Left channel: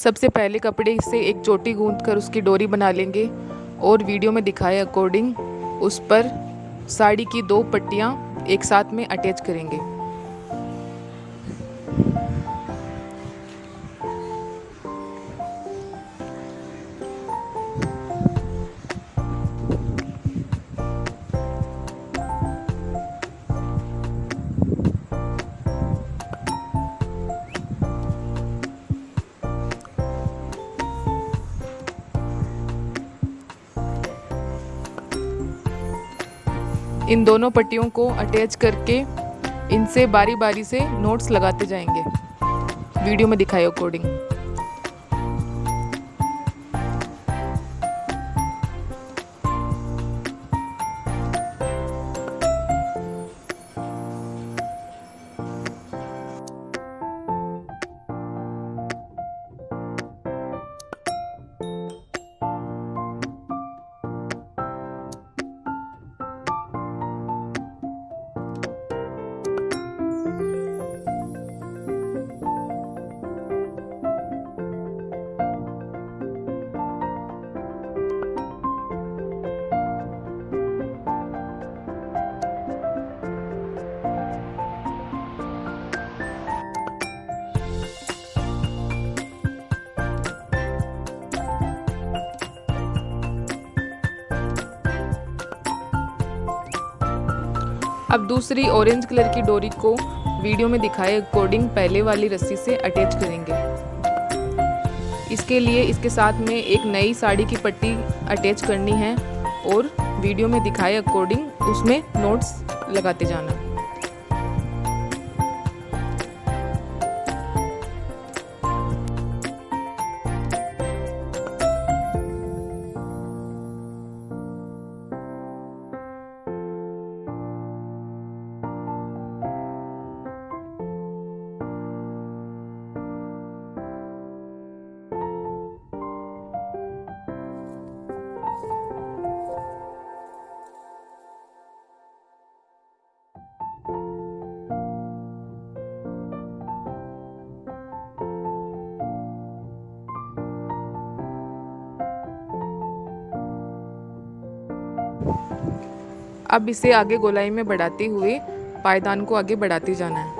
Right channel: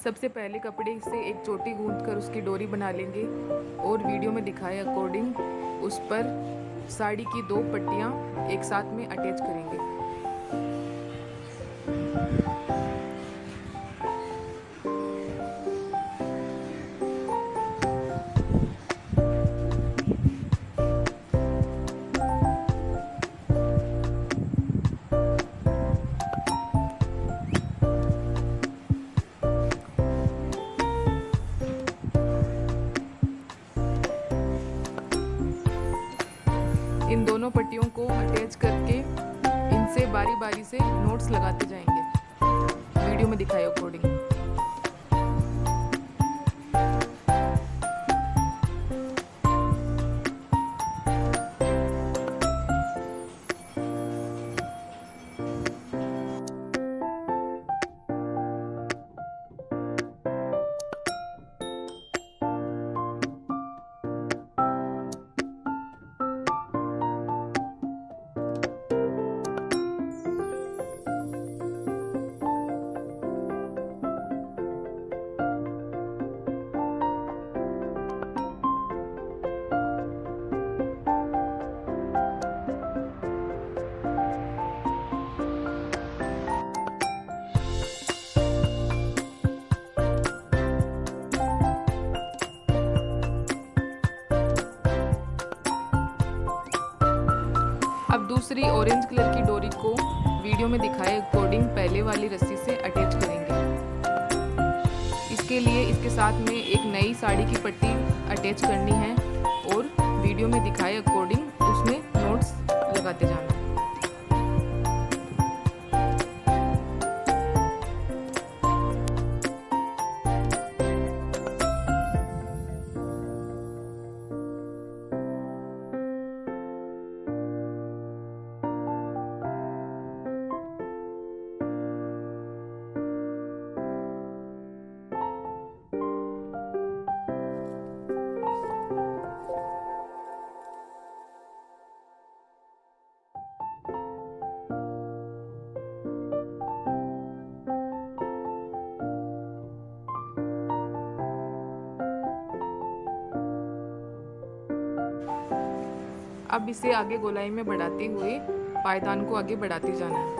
सबसे पहले कपड़े से एक चोटी गूंथ कर उसकी डोरी बना लेंगे और वीडियो में दिखाए अकॉर्डिंग उस पर साड़ी की 2 पट्टियाँ एक साथ में अटैच करेंगे। इन दोनों पट्टियों को अटैच करके इनसे बारी बारी से नोट्स लगाते जाएंगे वीडियो में दिखाए अकॉर्डिंग। अब दूसरी ऑरेंज कलर की डोरी को वीडियो में दिखाए अकॉर्डिंग पहले वाली रस्सी से अटैच करेंगे। इसके लिए इसके साथ में एक नई साड़ी की पट्टी अटैच करनी है और वीडियो में दिखाए अकॉर्डिंग उसमें नोट्स लगाते जाना। अब इसे आगे गोलाई में बढ़ाते हुए पायदान को आगे बढ़ाते जाना है।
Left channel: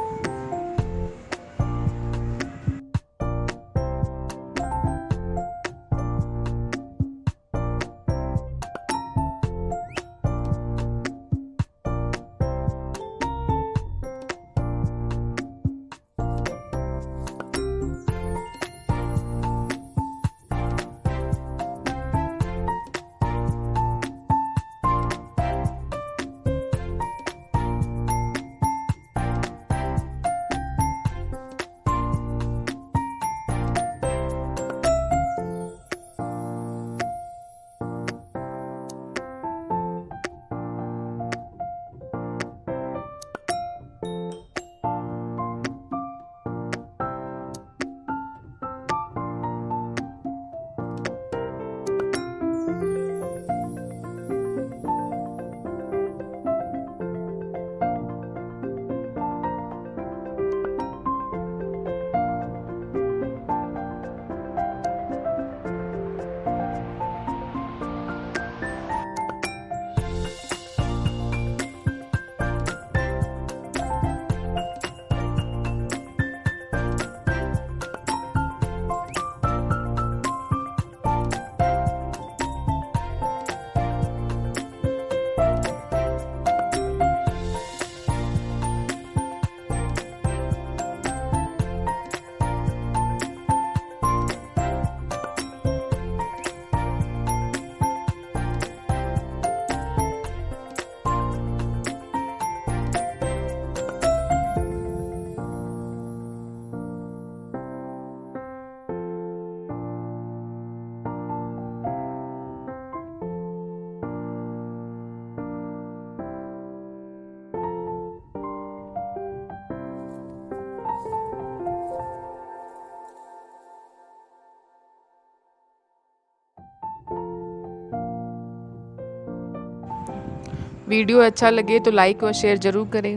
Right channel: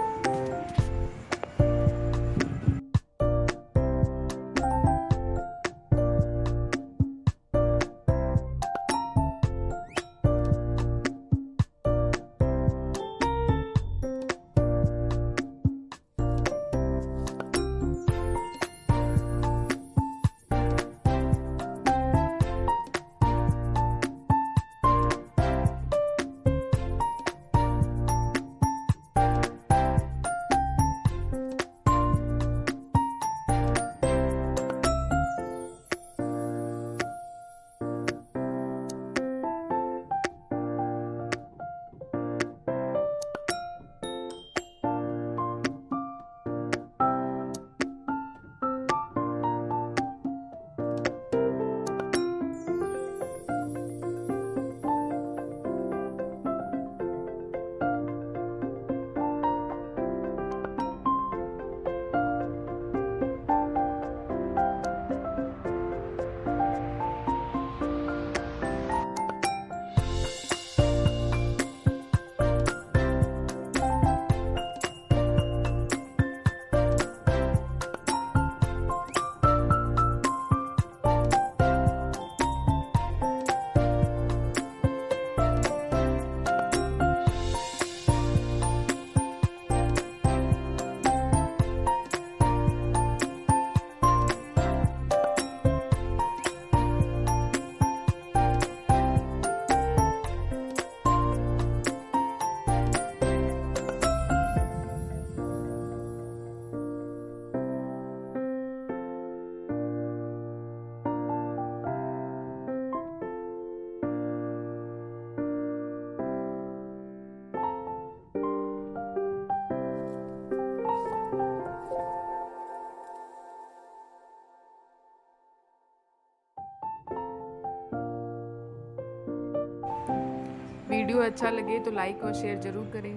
वीडियो अच्छा लगे तो लाइक और शेयर ज़रूर करें।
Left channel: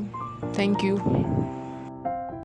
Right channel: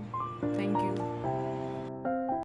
Thank you.